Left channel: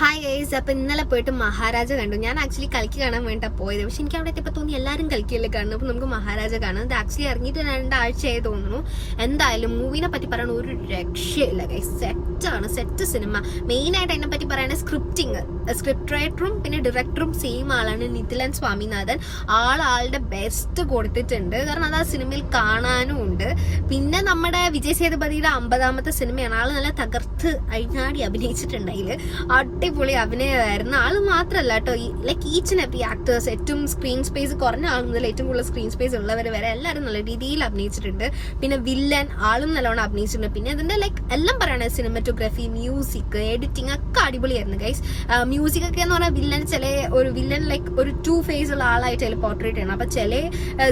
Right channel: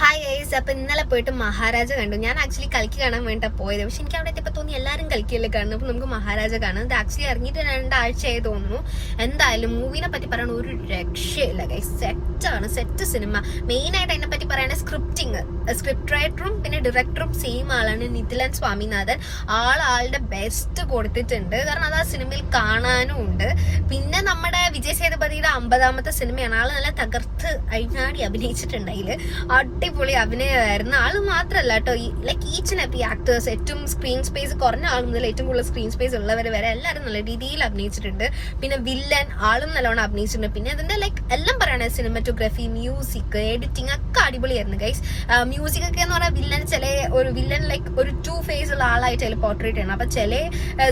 Hi guys, അപ്പൊ ഇന്നലെ പോയിട്ട് മഹാരാജ കണ്ടു. ഞാൻ ആക്ച്വലി കളിക്ക് കാണാൻ വേണ്ട പോയത്. പക്ഷെ എനിക്ക് അവിടെ ഇപ്പൊ തോന്നി എല്ലാവരും കളിക്കല്ലേ കാണുന്നു, അപ്പൊ നമുക്ക് മഹാരാജ കാണാം. ഇത് ആക്ച്വലി ഇറങ്ങിയിട്ട് 2 ആഴ്ചയായി തോന്നുന്നു. എന്തായാലും മൂവിനെ പറ്റി പറയാൻ ഒരു രക്ഷയില്ല ഗൈസ്. Set cinema. മെയിൻ ആയിട്ട് അതിനെ പറ്റി പറയുന്നത് സ്ക്രിപ്റ്റ് റൈറ്ററും പിന്നെ ഡയറക്ടറും സെയിം ആളാണ്, നിതിലൻ സ്വാമിനാഥൻ. ആളുടെ ബെസ്റ്റ് കൊടുത്തിട്ടുണ്ട്. കാരണം അത് ആ സിനിമയിൽ കാണാനും ഉണ്ട്. പിന്നെ നമ്മുടെ വിജയ് സേതുപതിയുടെ 50ാമത്തെ സിനിമയാണ്. ആള് നല്ല തകർത്ത് അഴിഞ്ഞാടി അഭിനയിച്ചിട്ടുണ്ട്. അതില് അടിപൊളി അഭിനയമായിരുന്നു. ആള് മാത്രല്ല കേട്ടോ, like each and every actors, ഏറ്റവും സ്ക്രീൻ സ്പേസ് കുറഞ്ഞ ആൾ മുതൽ ഏറ്റവും കൂടുതൽ സ്ക്രീൻ സ്പേസ് ഉള്ളവർ വരെ എല്ലാവരും നല്ല രീതിയിൽ അഭിനയിച്ചിട്ടുണ്ട്. പിന്നെ വില്ലൻ ആളും നല്ലോണം അഭിനയിച്ചിട്ടുണ്ട്. പിന്നെ അതിന്റെ ലൈക്ക് എല്ലാം പറയണേ, സിനിമറ്റോഗ്രാഫി, മ്യൂസിക്, എഡിറ്റിംഗ് ഒക്കെ അടിപൊളിയായിരുന്നു ഗൈസ്. മ്യൂസിക് ഒക്കെ എന്ന് പറഞ്ഞാൽ വില്ലൻ ലൈക്ക് ഒരു 2 ഫേസ് ഉള്ള ആളായിട്ട് അതിൽ പോർട്രേറ്റ് ചെയ്യണം. അപ്പൊ ചില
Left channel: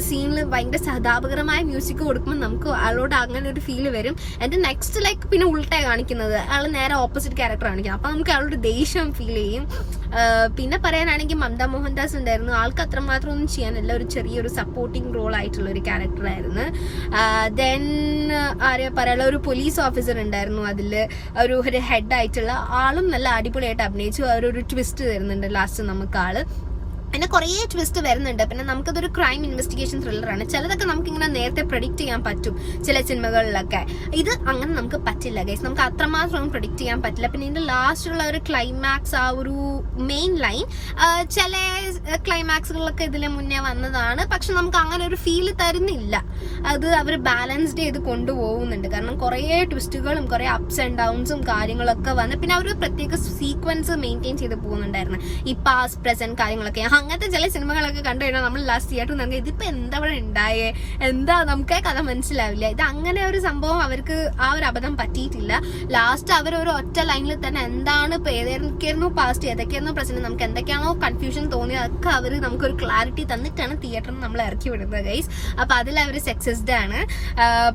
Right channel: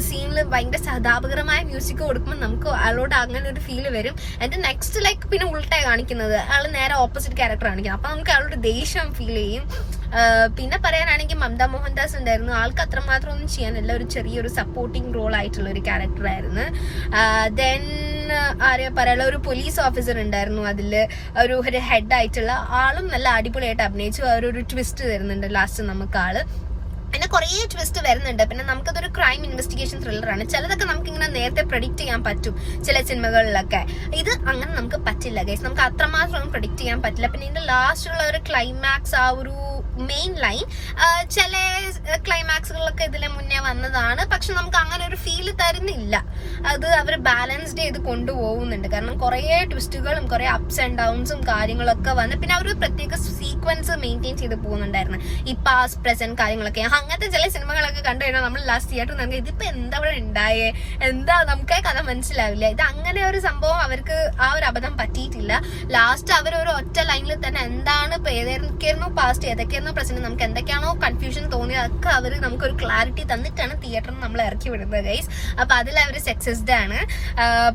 സീനിൽ ഭയങ്കര സഹതാപകരമായ മ്യൂസിക് കൊടുക്കുമ്പോൾ നമുക്ക് ആളോട് അങ്ങനെ ഒരു ഫീൽ വരും. എന്റെ നെക്സ്റ്റ് ലൈക്ക് പിന്നെ ഉൾട്ടായി കാണിക്കുന്നത്, ആള് നേരെ ഓപ്പോസിറ്റ് ക്യാരക്ടർ കാണിക്കുന്നത്. അപ്പൊ നമുക്ക് ആളോട് ദേഷ്യം ഫീൽ ചെയ്യും. പിന്നെ പറയാനാണെങ്കിൽ മമത മോഹൻദാസ് ഉണ്ടായിരുന്നു. ആൾക്ക് അത്രമാത്രം ഒന്നും ചെയ്യാനില്ല, ഒരു ചെറിയൊരു സപ്പോർട്ടിങ് റോൾ ആയിട്ടുള്ള ഒരു ക്യാരക്ടർ ആയിരുന്നു. ദെൻ പറയാനുള്ള ഒരു പോലീസ് ഓഫീസർ ഉണ്ടായിരുന്നു. അതില് ഒരു ഹെഡ് ആയിട്ടുള്ള ആളും നല്ല അടിപൊളിയായിട്ട് അഭിനയിച്ചു. അവരൊരു ട്വിസ്റ്റ് തരുന്നുണ്ട് ലാസ്റ്റ് നമുക്ക് ആള്. പിന്നെ കുറേ ട്വിസ്റ്റ് വരുന്നുണ്ട്. പിന്നെ നമുക്കതൊരു ക്രൈം ഇൻവെസ്റ്റിഗേഷൻ ത്രില്ലറാണ്. ചിലതൊക്കെ നമുക്ക് ഇങ്ങനെ നേരത്തെ പ്രഡിക്റ്റ് ചെയ്യാൻ പറ്റും ചില സിനിമകളിലൊക്കെ. ഇത് അങ്ങനെ നമുക്ക് പറ്റില്ല ഗൈസ്, നമുക്ക് അത്രമാത്രം ഒന്നും പ്രഡിക്റ്റ് ചെയ്യാൻ പറ്റില്ല. പിന്നെ ഇതിന്റെ ലാസ്റ്റുള്ള ഒരു ക്ലൈമാക്സ്, ആ ഒരു മെയിൻ ലൈൻ, ചില ക്ലൈമാക്സുകളൊക്കെ ഇതിന് മുന്നേ വന്നതാണ്. പക്ഷെ നമുക്ക് അങ്ങനെ ഒരു ഫീൽ തരുന്നില്ല. അത് അവർ ബാലൻസ്ഡ് ചെയ്ത് കൊണ്ടുപോകുന്നുണ്ട്. കാരണം കുറേ ട്വിസ്റ്റുകളും കുറേ അപ്സ് ആൻഡ് ഡൗൺസും കാര്യങ്ങളൊക്കെ വന്ന് പിന്നെ അവർ പ്രത്യേക സീക്വൻസ് മെയിൻറ്റെയിൻ ചെയ്ത് പോകുന്നുണ്ടായിരുന്നു. ഈ പാസ്റ്റ് പ്രസന്റ് കാര്യങ്ങളൊക്കെ. അങ്ങനത്തെ ചില സിനിമകളൊക്കെ കണ്ടു കഴിഞ്ഞാൽ നമ്മൾ ലാസ്റ്റ് തിയേറ്ററിൽ നമുക്ക് ഇതിപ്പോ എന്താ ഇവിടെ ഉണ്ടായേ, എന്താ നമുക്ക് കഥ മനസ്സിലാവില്ല. ഇത് അങ്ങനെ ഒരു സംഭവം അവർക്ക് ആ ഒരു അബദ്ധം പറ്റിയിട്ടില്ല. ലാസ്റ്റ് അവർ ഒരു ഒറ്റ ലൈനിൽ തന്നെ എന്താണ് ഇപ്പൊ ഏതൊക്കെയായിരുന്നു പാസ്റ്റ്, ഏതൊക്കെയായിരുന്നു പ്രസന്റ്, നമുക്ക് എന്തൊക്കെയാണോ കൺഫ്യൂഷൻ തോന്നിയത് അതൊക്കെ അവർ നമുക്കൊരു ക്ലാരിറ്റി തന്നിട്ടാണ് തിയേറ്ററിൽ നമ്മൾ ഇറക്കി വിടുന്നത് ഗൈസ്. അപ്പൊ അതിൽ അവർ സക്സസ്ഡ് ആണ്.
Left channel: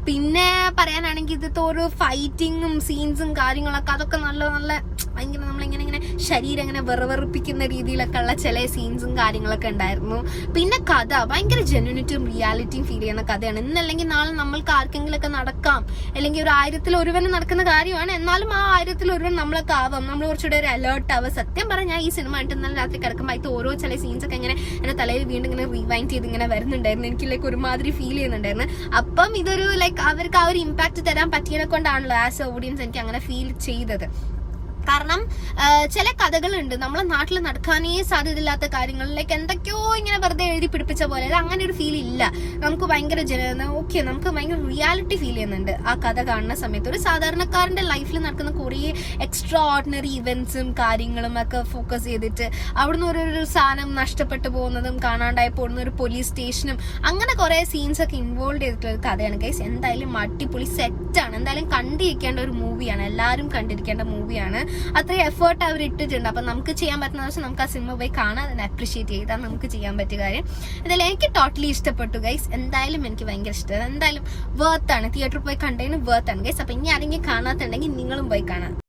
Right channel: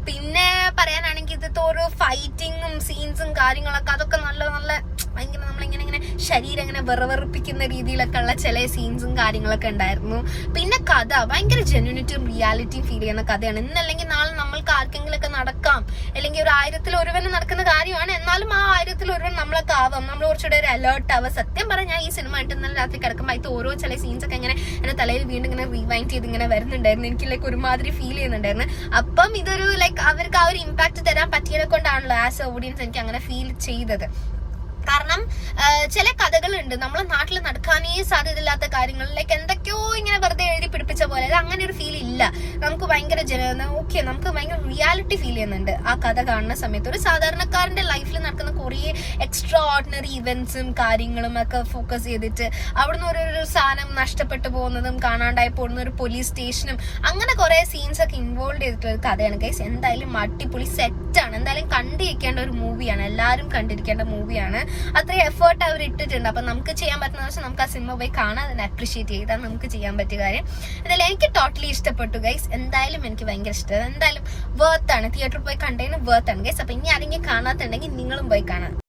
പിന്നെ പറയാനാണെങ്കിൽ ഇതൊക്കെ ഒരു ഫൈറ്റിങ്ങും സീൻസും കാര്യങ്ങളൊക്കെ അതൊക്കെ നല്ല നല്ല ഭയങ്കര നമ്മളിങ്ങനെ ശരീരം ഇങ്ങനെ വെറുപ്പിക്കുന്ന രീതിയിലൊക്കെ ഉള്ള ചില സീൻസും കാര്യങ്ങളൊക്കെ ഉണ്ടായിരുന്നു. പിന്നെ കഥ ഭയങ്കര ജെന്യൂനിറ്റിയും റിയാലിറ്റിയും ഫീൽ ചെയ്യുന്ന കഥയാണ്. ഇന്നല്ലെങ്കിൽ നാളെ നമ്മൾക്ക് ആർക്കെങ്കിലും ഒക്കെ നടക്കാം, അല്ലെങ്കിൽ ഒരു 1000-ൽ ഒരുവന് നടക്കുന്ന കാര്യമാണ്. എന്നാലും ആ 1000-ൽ ഒരുവൻ നമ്മളൊക്കെ ആവാം, നമ്മൾ കുറച്ചുകൂടെ ഒരു അലേർട്ട് ആവാം. സത്യം പറഞ്ഞാൽ ഈ സിനിമ ആയിട്ട് ഇന്നലെ രാത്രി കിടക്കുമ്പോൾ അതിൽ ഓരോ ചില സീൻസ് ഒക്കെ ഇങ്ങനെ എന്റെ തലയിൽ വീണ്ടും ഇങ്ങനെ റീവൈൻഡ് ചെയ്ത് ഇങ്ങനെ വരുന്നുണ്ടായിരുന്നു. എനിക്ക് ലൈക്ക് ഒരുമാതിരി ഫീൽ ചെയ്യുന്നുണ്ടായിരുന്നു. അപ്പം ഇതൊരു ലൈക്ക് അവർക്ക് ആ ഒരു ഇമ്പാക്ട് തരാൻ പറ്റിയതിനെ കൊണ്ടാണല്ലോ ആസ് എ ഓഡിയൻസ് എനിക്ക് അങ്ങനെ ഫീൽ ചെയ്തത്. കാരണം ചില കഥകളുണ്ട് നമ്മളെ നാട്ടിൽ നടക്കാനേ സാധ്യതയില്ലാത്ത കാര്യങ്ങൾ, ലൈക്ക് എന്തൊക്കെയോ ഇങ്ങനെ വെറുതെ എഴുതി പിടിപ്പിച്ച പോലെ. അത് അങ്ങനെ ഒരു ഫീൽ ഇല്ല. നമുക്ക് ഭയങ്കര നമുക്ക് ഭയങ്കര റിയാലിറ്റി ഫീൽ ചെയ്യുന്നുണ്ട് ആ കഥ കാണുന്ന സമയത്ത്. ഒരു സാധാരണക്കാരന്റെ ലൈഫിൽ നടക്കുന്ന കുറേ എക്സ്ട്രാ ഓർഡിനറി ഇവന്റ്സും കാര്യങ്ങളും ഒക്കെ ഫോക്കസ് ചെയ്തിട്ട് അവിടുന്ന് ഒരു സാധനം നഷ്ടപ്പെട്ടു പോകുന്നതും കാണാണ്ടായി പോകുന്ന ഒരു പോലീസ് സ്റ്റേഷനും അങ്ങനെ കുറെ സീൻസ് ഒക്കെ ഇൻവോൾവ് ചെയ്തിട്ടുള്ള ഒരു കഥയാണ് ഗൈസ്. എന്തായാലും അടിപൊളി സെറ്റാണ്. എന്തായാലും കണ്ടിരിക്കേണ്ട ഒരു മൂവിയാണ്, എല്ലാവരും കണ്ടിരിക്കേണ്ട മൂവിയാണ്. അത്രയും എഫേർട്ട് അവർ ഇട്ടിട്ടുണ്ട്. അപ്പൊ നമുക്ക് ചെയ്യാൻ പറ്റുന്ന വെച്ചാൽ നമുക്ക് ആ സിനിമ പോയി കാണാൻ, അതിനെ അപ്രീഷിയേറ്റ് ചെയ്താൽ നമുക്ക് ചെയ്യാൻ പറ്റിയ കാര്യം. എന്തായാലും എനിക്ക് ടോട്ടലി ഇഷ്ടപ്പെട്ടു ഗൈസ്. എന്തായാലും എനിക്ക് ഭയങ്കര ഇഷ്ടമാണ്. എന്തായാലും വേർത്താണ്, തിയേറ്ററിൽ പോയി കണ്ടതിന് വേർത്താണ് ഗൈസ്. അപ്പൊ ഇനി ആരെങ്കിലും കാണാത്തുണ്ടെങ്കിൽ നിങ്ങളും പോയി കാണാം.